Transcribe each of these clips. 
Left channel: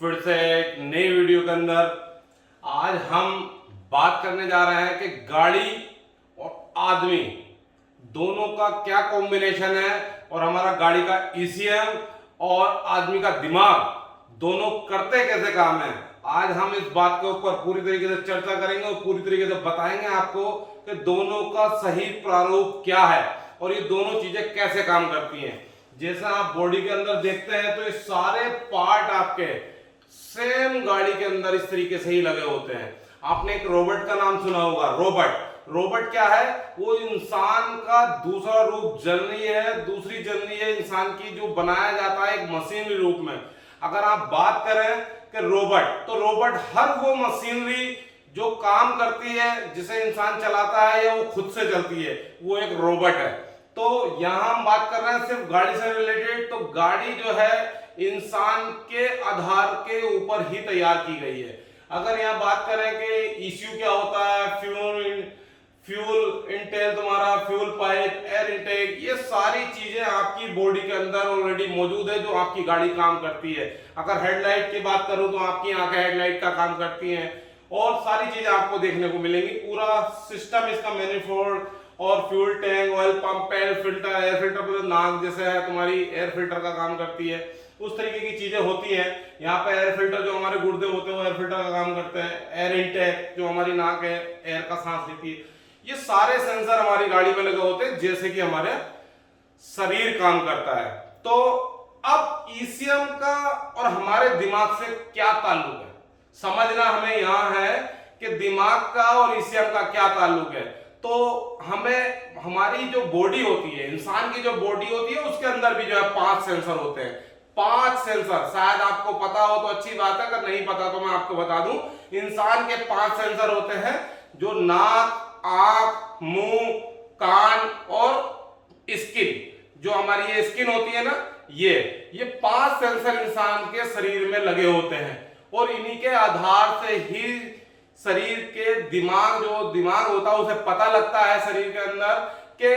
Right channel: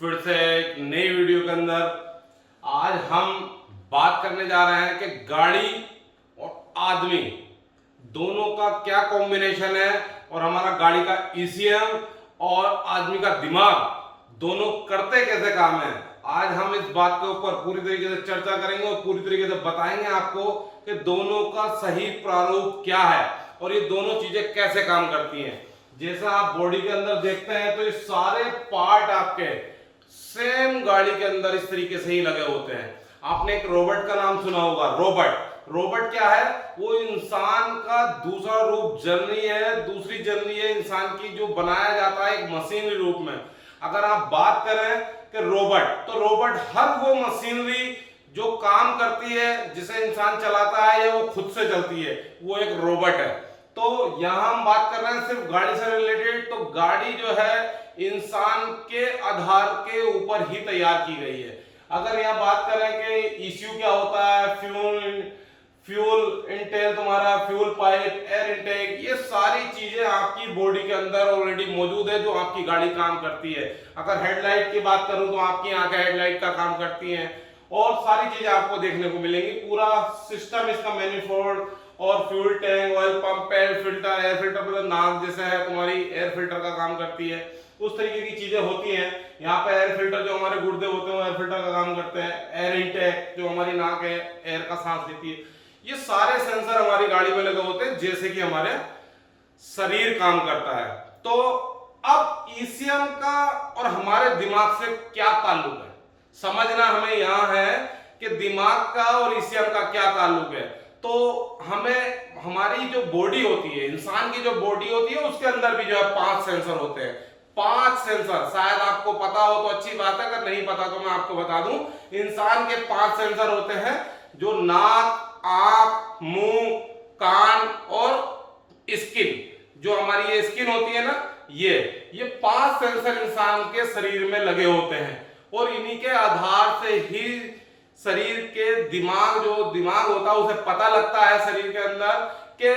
फिर से एक नई वीडियो के अंदर आज हम बात करने जा रहे हैं कि गाड़ी और आदमी दोनों का क्या कॉम्बिनेशन है और हमारा गाड़ी का ईसीएम और आदमी का दिमाग दोनों करते कैसे काम है। आज हम इस बात के ऊपर पूरी तरीके से चर्चा करेंगे और पूरी तरीके से बताएंगे आपको कि दोनों का सही प्रारूप क्या है और ये दोनों चीजें कैसे काम करती हैं। जैसा आप बॉडी के अंदर देखते हैं तो ये सारे पार्ट आपके सेम गाड़ी के अंदर इस तरीके से ही लगे होते हैं। आपने एक रोबोट का नाम सुना होगा। रोबोट क्या है? वो इंसान का दूसरा रूप जनरली है, दूसरी जनरली है इंसान की, जो बनाया जाता है एक मशीनरी रूप में। अगर आप बात करें कि रोबोट, तो रोबोट हर वो मशीनरी जो काम करती है, जिसे इंसान चलाता है या वो खुद से चलती है, वो एक रोबोट है। तो यहां हम बात कर रहे हैं सिर्फ गाड़ी से रिलेटेड। तो गाड़ी जो है इंसान के आधार के ऊपर ही तैयार की गई है। अगर यहाँ बात करें कि ईसीयू क्या होता है, फ्यूल इंटेक, तुम्हारा फ्यूल पाइप, एयर इंटेक, ये सारी चीजें आपकी बॉडी के अंदर ऑलरेडी मौजूद है जो आपकी गाड़ी काम करती है। अगर हेडलाइट की बात करूं तो आपकी आंखें हेडलाइट का काम करती हैं और सारी चीजें आपको देखने को मिलेंगी। पूरा सिस्टम इसका मैनिफोल्ड और fuel tank, oil pump, air filter मतलब नाक जैसे है तुम्हारी एयर फिल्टर का काम करती है, उस तरीके की चीजें होती हैं। यहाँ पे एयर फिल्टर जो हमारे गुर्दे होते हैं वो एयर फिल्टर का काम करते हैं। एयर इनटेक जो हमारी नाक है, एयर का सांस लेती है। ये सारे सेंसर हमारी गाड़ी में लगे होते हैं जैसे कि हमारे शरीर काम करता है। तो अब ईसीएम का और हमारे दिमाग से क्या ताल्लुक है, समझना हमें यहाँ है कि दिमाग का और ईसीएम का क्या ताल्लुक है। तो हमें हमारी जो बॉडी होती है, इंसान की जो बॉडी होती है, उसके अंदर भी जो है 5 सेंसर होते हैं। 5 सेंसर, शायद आपको पता हो तो अच्छी बात है, अगर नहीं पता तो मैं आपको बता दूं। इंसान के 5 सेंसर होते हैं जो नाक, आंख, मुंह, कान और स्किन, जो हमारी ये स्किन होती है ना, ये 5 सेंसर इंसान के शरीर में लगे होते हैं और इन्हीं के आधार से ही शरीर के दिमाग होता है, उसे पता लगता है शरीर के अंदर कि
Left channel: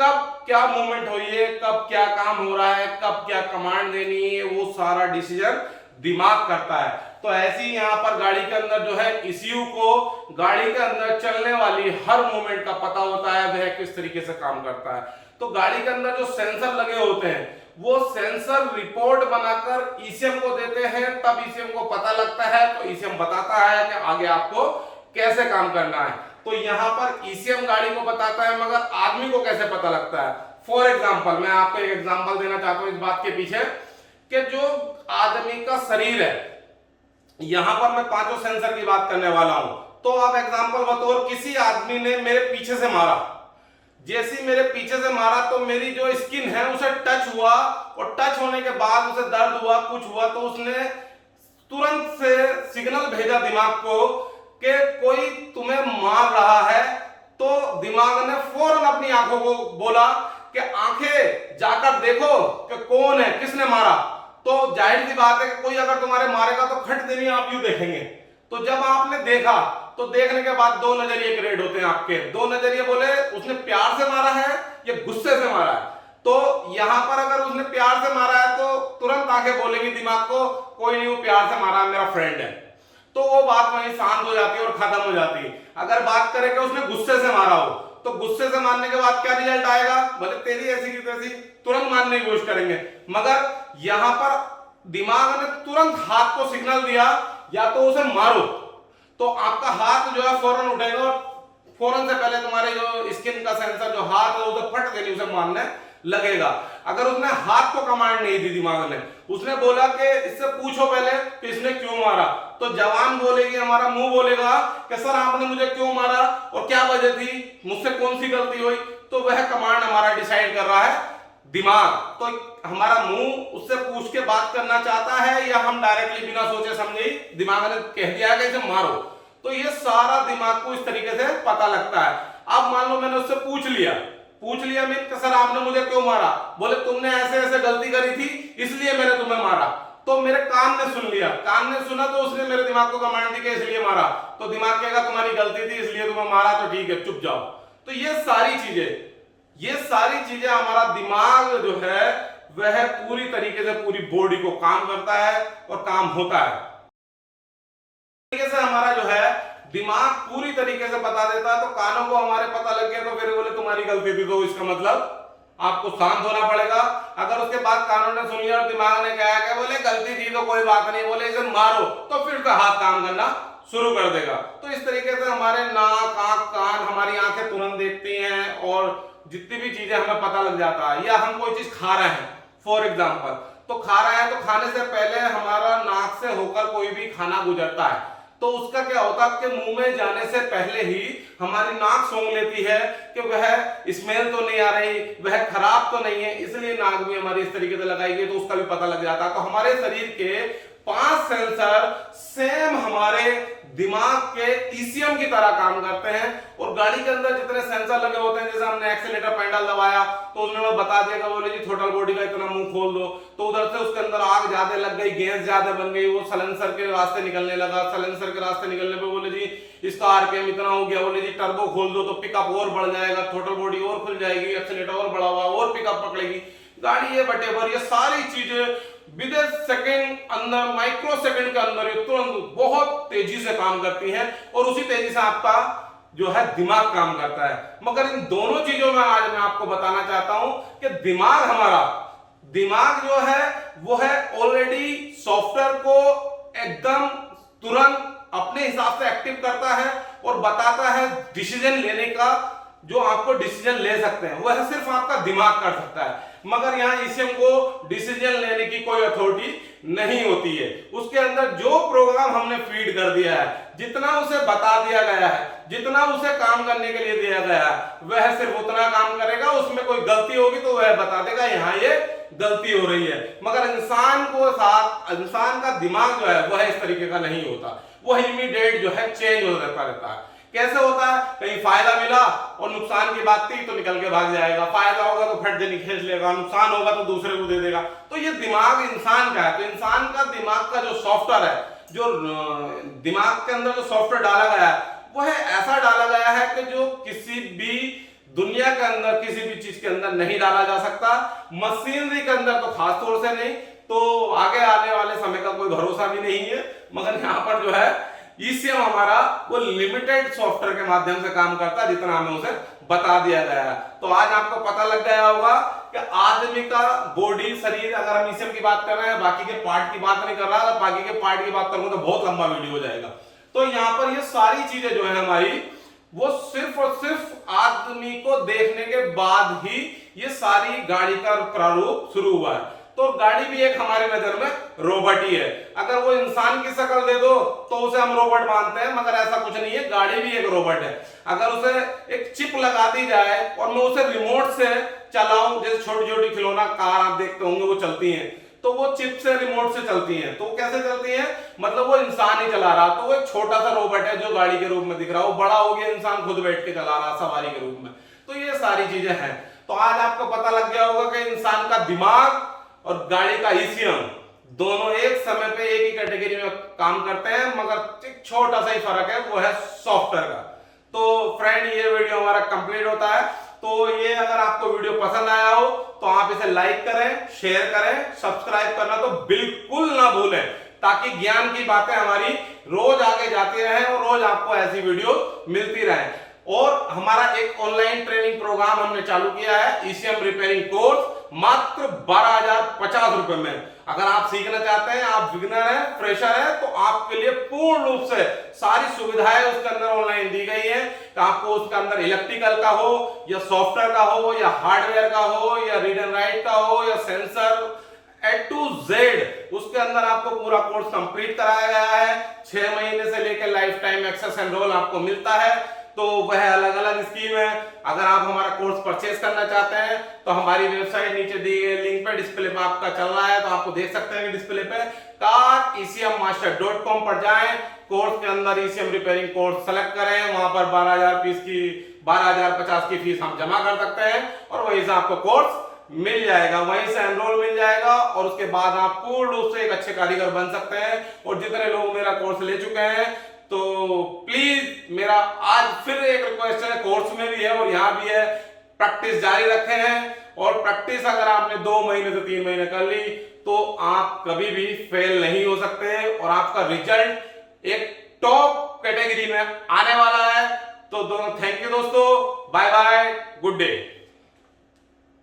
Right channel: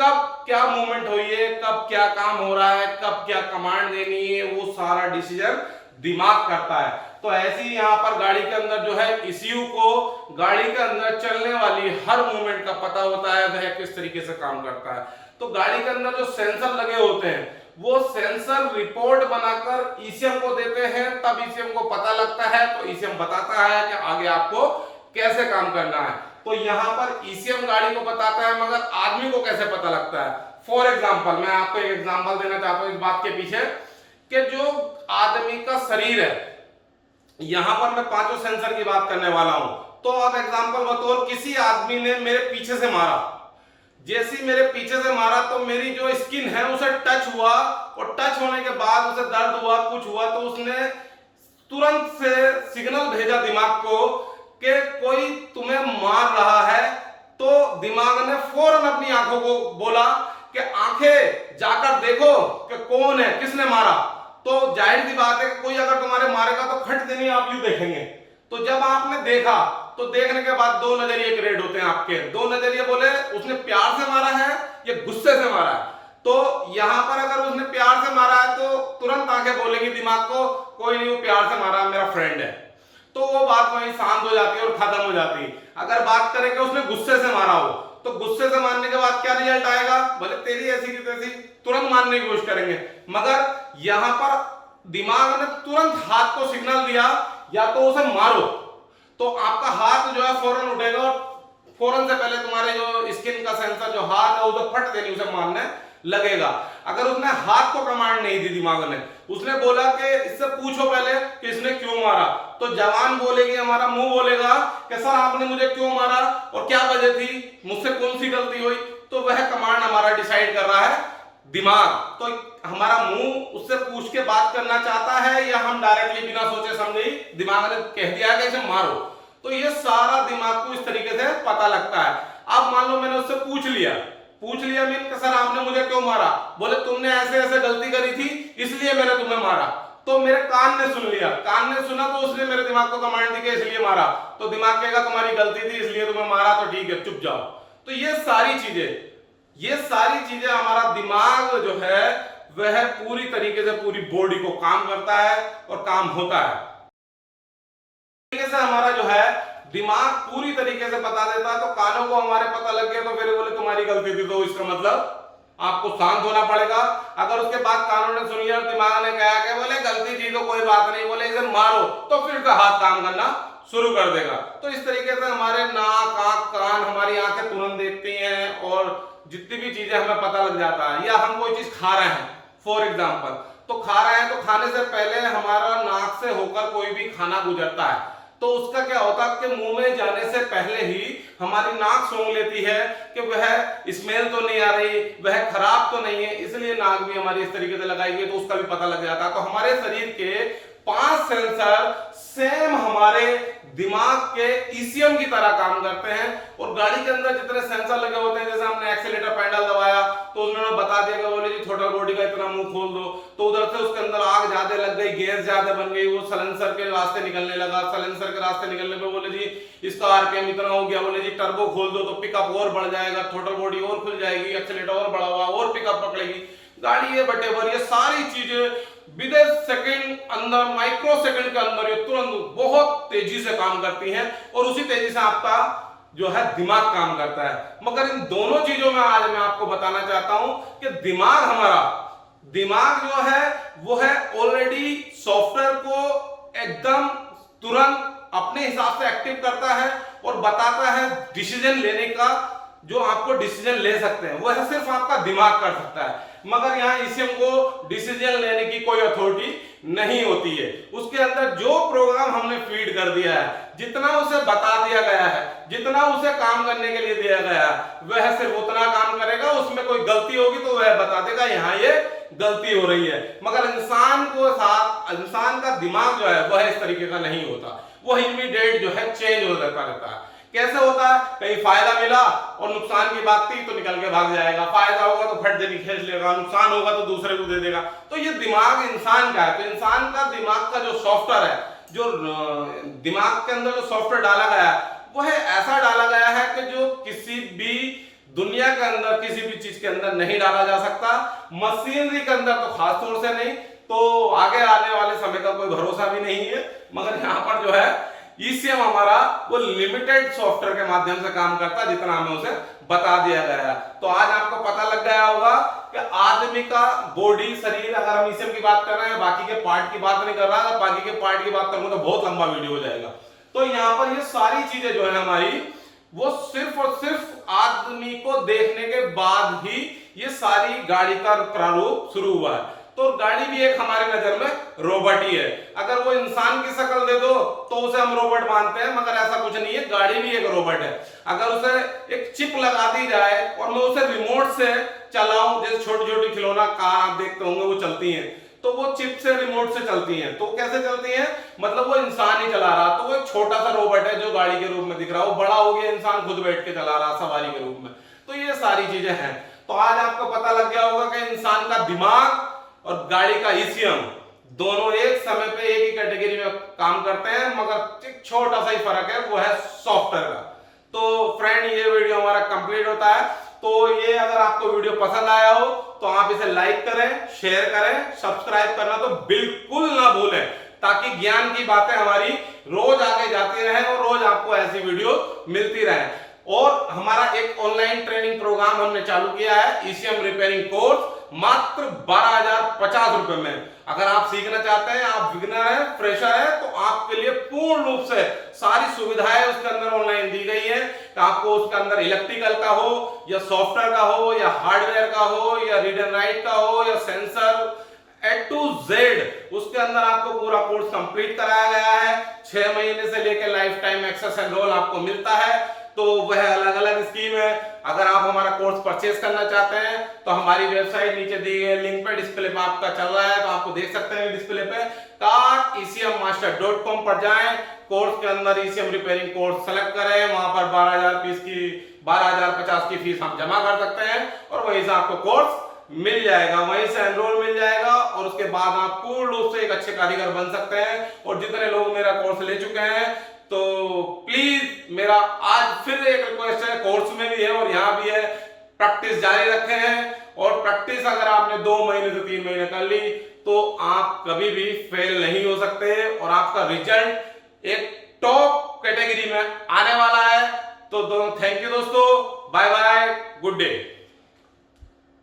कब क्या मूवमेंट हुई है, कब क्या काम हो रहा है, कब क्या कमांड देनी है, वो सारा डिसीजन दिमाग करता है। तो ऐसे ही यहाँ पर गाड़ी के अंदर जो है ईसीयू को गाड़ी के अंदर चलने वाली हर मूवमेंट का पता होता है, वह किस तरीके से काम करता है। तो गाड़ी के अंदर जो सेंसर लगे होते हैं वो सेंसर रिपोर्ट बनाकर ईसीएम को देते हैं, तब ईसीएम को पता लगता है, तो ईसीएम बताता है कि आगे आपको कैसे काम करना है। तो यहां पर ईसीएम गाड़ी को बताता है, मगर आदमी को कैसे पता लगता है? फॉर एग्जाम्पल, मैं आपको एक एग्जाम्पल देना चाहता हूं इस बात के पीछे कि जो आदमी का शरीर है, यहां पर मैं 5 सेंसर की बात करने वाला हूं। तो अब एग्जाम्पल बतौर किसी आदमी ने मेरे पीछे से मारा, जैसी मेरे पीछे से मारा तो मेरी जो स्किन है उसे टच हुआ और टच होने के बाद उसे दर्द हुआ, कुछ हुआ, तो उसने तुरंत से सिग्नल भेजा दिमाग को कि कोई तुम्हें मार रहा है। तो दिमाग ने फौरन अपनी आंखों को बोला कि आंखें जाकर देखो कि कौन है, किसने मारा। तो जाहिर सी बात है कि कोई अगर तुम्हारे मारेगा तो खट देनी आप यूं देखेंगे। तो जब आपने देखा तो देखने के बाद 2 नजरिए क्रिएट होते हैं आपके। 2 नजरिए बोले उसने प्यार से मारा है या गुस्से से मारा है। तो यहां पर अगर उसने प्यार से मारा है तो तुरंत आंखें बोलेंगी दिमाग को कोई नहीं, वो प्यार से मारा, मेरा फ्रेंड है। तो वो बात वहीं शांत हो जाती है और खत्म हो जाती है। अगर बात करें कि उसने गुस्से से मारा हो तो गुस्से से मारने के बाद क्या रिजल्ट आएगा? बोले तेरी ऐसी की तैसी, तुरंत मारने की कोशिश करेंगे। मगर यहां पर दिमाग ने तुरंत हाथ को सिग्नल दिया या तो उसे मारो, तो आपका हाथ जो है फौरन उठेगा और फौरन से पहले तुम्हारे जो स्किन का सेंसर जो हाथ है उधर फट देनी उसे मारने लगेगा। अगर उसने हाथ को कमांड नहीं दी दिमाग ने, उसने बोला कि इससे पूछो पहले कि इसने क्यों मारा, तो जवान बोलेगी, हमारा मुंह बोलेगा कि सर आपने मुझे क्यों मारा और क्या वजह थी, मुझसे कौन सी गलती हुई। तो वह कमांड हमारा डिसाइड कर रहा है दिमाग। तो हमारा मुंह उससे पूछ के बात करना चाहता है या हम डायरेक्टली बिना सोचे समझे ही दिमाग ने कह दिया कि इसे मारो। तो ये सारा दिमाग को इस तरीके से पता लगता है। अब मान लो मैंने उससे पूछ लिया मीन कि सर आपने मुझे क्यों मारा? बोले तुमने ऐसे ऐसे गलती करी थी इसलिए मैंने तुम्हें मारा। तो मेरे कान ने सुन लिया, कान ने सुना तो उसने मेरे दिमाग को कमांड दी कि इसलिए मारा। तो दिमाग कहेगा तुम्हारी गलती थी इसलिए तुम्हें मारा, तो ठीक है चुप जाओ। तो ये सारी चीजें हमारा दिमाग जो है वह पूरी तरीके से पूरी बॉडी को काम करता है और काम होता है। तरीके से हमारा जो है दिमाग पूरी तरीके से बता देता है। तो कानों को हमारे पता लग गया तो फिर बोले तुम्हारी गलती थी, तो इसका मतलब आपको शांत होना पड़ेगा। अगर उसके बाद कानों ने सुन लिया और दिमाग ने कहा कि बोले गलती थी तो कोई बात नहीं, बोले इसे मारो, तो फिर से हाथ काम करना शुरू कर देगा। तो इस तरीके से हमारे नाक, आंख, कान, हमारी आंखें तुरंत देखती हैं और जितनी भी चीजें हमें पता लग जाता है। या हम कोई चीज खा रहे हैं फॉर एग्जाम्पल, तो खा रहे हैं तो खाने से पहले हमारा नाक से होकर कोई भी खाना गुजरता है, तो उसका क्या होता है कि मुंह में जाने से पहले ही हमारी नाक सूंघ लेती है कि वह स्मेल तो नहीं आ रही, वह खराब तो नहीं है, इसलिए नाक भी हमारी इस तरीके से लगाई गई, तो उसका भी पता लग जाता है। तो हमारे शरीर के 5 सेंसर सेम हमारे दिमाग के ईसीएम की तरह काम करते हैं। और गाड़ी के अंदर जितने सेंसर लगे होते हैं, जैसे हमने एक्सीलेटर पेडल दबाया तो उन्होंने बता दिया कि बोले जी थ्रोटल बॉडी का इतना मुंह खोल दो, तो उधर से उसके अंदर आग ज्यादा लग गई, गैस ज्यादा बन गई, वो सलेंसर के रास्ते निकलने लगा। सलेंसर के रास्ते निकलने पे बोले जी इसका आरपीएम इतना हो गया, बोले जी टर्बो खोल दो तो पिकअप और बढ़ जाएगा, थ्रोटल बॉडी और खुल जाएगी, एक्सीलेटर और बढ़ा हुआ और पिकअप पकड़ेगी गाड़ी। ये बटेबर ये सारी चीजें विद ए सेकेंड अंदर, माइक्रो सेकंड के अंदर ये तुरंत बहुत तेजी से काम करती हैं और उसी तेजी से आपका जो है दिमाग काम करता है। मगर इन दोनों चीजों में आज मैं आपको बताना चाहता हूं कि दिमाग जो है वो है ऑलरेडी सॉफ्टवेयर को एकदम तुरंत अपने हिसाब से एक्टिव करता है और बताता है डिसीजन लेने का। जो आपको डिसीजन ले सकते हैं वह सिर्फ आपका दिमाग कर सकता है, मगर यहाँ ईसीएम को डिसीजन लेने की कोई अथॉरिटी नहीं होती है। उसके अंदर जो प्रोग्राम हमने फीड कर दिया है, जितना उसे बता दिया गया है, जितना उसे काम करने के लिए दिया गया है, वह सिर्फ उतना काम करेगा। उसमें कोई गलती होगी तो वह बता देगा यहाँ ये गलती हो रही है। मगर इंसान का दिमाग जो है वह इस तरीके का नहीं होता, वह इमीडिएट जो है चेंज हो जाता रहता है। कैसे होता है? कहीं फायदा मिला और नुकसान की बात थी तो निकल के भाग जाएगा, फायदा होगा तो फट देनी खींच लेगा, नुकसान होगा तो दूसरे को दे देगा। तो ये दिमाग इंसान का है। तो इंसान का दिमाग का जो सॉफ्टवेयर है, जो दिमाग के अंदर जो सॉफ्टवेयर डाला गया है वह ऐसा डाला गया है कि जो किसी भी दुनिया के अंदर किसी भी चीज के अंदर नहीं डाला जा सकता। मशीनरी के अंदर तो खास तौर से नहीं, तो आगे आने वाले समय का कोई भरोसा भी नहीं है। मगर यहाँ पर जो है ईसीएम हमारा वो लिमिटेड सॉफ्टवेयर के माध्यम से काम करता है, जितना हमें उसे बता दिया गया है। तो आज आपको पता लग गया होगा कि आदमी का बॉडी, शरीर, अगर हम ईसीएम की बात कर रहे हैं, बाकी के पार्ट की बात नहीं कर रहा है, बाकी के पार्ट की बात करूंगा तो बहुत लंबा वीडियो हो जाएगा। तो यहाँ पर ये सारी चीजें जो है हमारी, वो सिर्फ और सिर्फ आदमी को देखने के बाद ही ये सारी गाड़ी का प्रारूप शुरू हुआ है। तो गाड़ी भी एक हमारी नजर में रोबोट ही है। अगर वो इंसान की शक्ल दे दो तो उसे हम रोबोट मानते हैं, मगर ऐसा कुछ नहीं है, गाड़ी भी एक रोबोट है। अगर उसे एक चिप लगा दी जाए और मैं उसे रिमोट से चलाऊं, जैसे छोटी छोटी खिलौना कार आप देखते होंगे वो चलती हैं, तो वो चिप से रिमोट से चलती हैं। तो कैसे चलती हैं? मतलब वो इंसान ही चला रहा, तो वो एक छोटा सा रोबोट है जो गाड़ी के रूप में दिख रहा है। वो बड़ा हो गया, इंसान खुद बैठ के चला रहा सवारी के रूप में। तो ये सारी चीजें हैं। तो आज आपको पता लग गया होगा कि इंसान का दिमाग और गाड़ी का ईसीएम दोनों एक समय पे एक ही कैटेगरी में काम करते हैं, मगर एक छोटा सा ही फर्क है, वो है सॉफ्टवेयर का। तो फ्रेंड, ये वीडियो हमारा कंप्लीट होता है। तो ये अगर आपको वीडियो पसंद आया हो तो आप इसे लाइक करें, शेयर करें, सब्सक्राइब करना तो बिल्कुल ना भूलें, ताकि ज्ञान की बातें हमारी रोज आगे जाती रहें और रोज आपको ऐसी वीडियो मिलती रहे। और हमारा एक ऑनलाइन ट्रेनिंग प्रोग्राम हमने चालू किया है, ईसीएम रिपेयरिंग कोर्स, मात्र 12,050 रुपए में। अगर आप सीखना चाहते हैं, आप बिगिनर हैं, फ्रेशर हैं, तो आपके लिए पूर्ण रूप से सारी सुविधाएं उसके अंदर ऑनलाइन दी गई है। तो आपको उसके अंदर इलेक्ट्रिकल का हो या सॉफ्टवेयर का हो या हार्डवेयर का हो या रीड एंड राइट का हो या सेंसर, A to Z उसके अंदर आपको पूरा कोर्स कंप्लीट कराया गया है। 6 महीने से लेकर लाइफ टाइम एक्सेस एनरोल आपको मिलता है। तो वह अलग अलग स्कीम है। अगर आप हमारा कोर्स परचेस करना चाहते हैं तो हमारी वेबसाइट नीचे दी गई लिंक पे डिस्प्ले में आपका चल रहा है, तो आपको देख सकते हैं डिस्प्ले पे cartecmmaster.com पर जाएं, कोर्स के अंदर ईसीएम रिपेयरिंग कोर्स सेलेक्ट करें, वहां पर 12,050 की फीस हम जमा कर सकते हैं और वहीं से आपको कोर्स मिल जाएगा, वहीं से एनरोल मिल जाएगा और उसके बाद आप पूर्ण रूप से एक अच्छे कारीगर बन सकते हैं। और जितने लोग मेरा कोर्स ले चुके हैं, तो प्लीज मेरा आज फिर एक रिक्वेस्ट है, कोर्स में भी है और यहाँ भी है, प्रैक्टिस जारी रखे हैं और प्रैक्टिस अगर आपने 2 महीने से 3 महीने कर ली तो आप कभी भी फेल नहीं हो सकते और आपका रिजल्ट एक टॉप कैटेगरी में आने वाला है। तो थैंक यू दोस्तों, बाय बाय, गुड डे।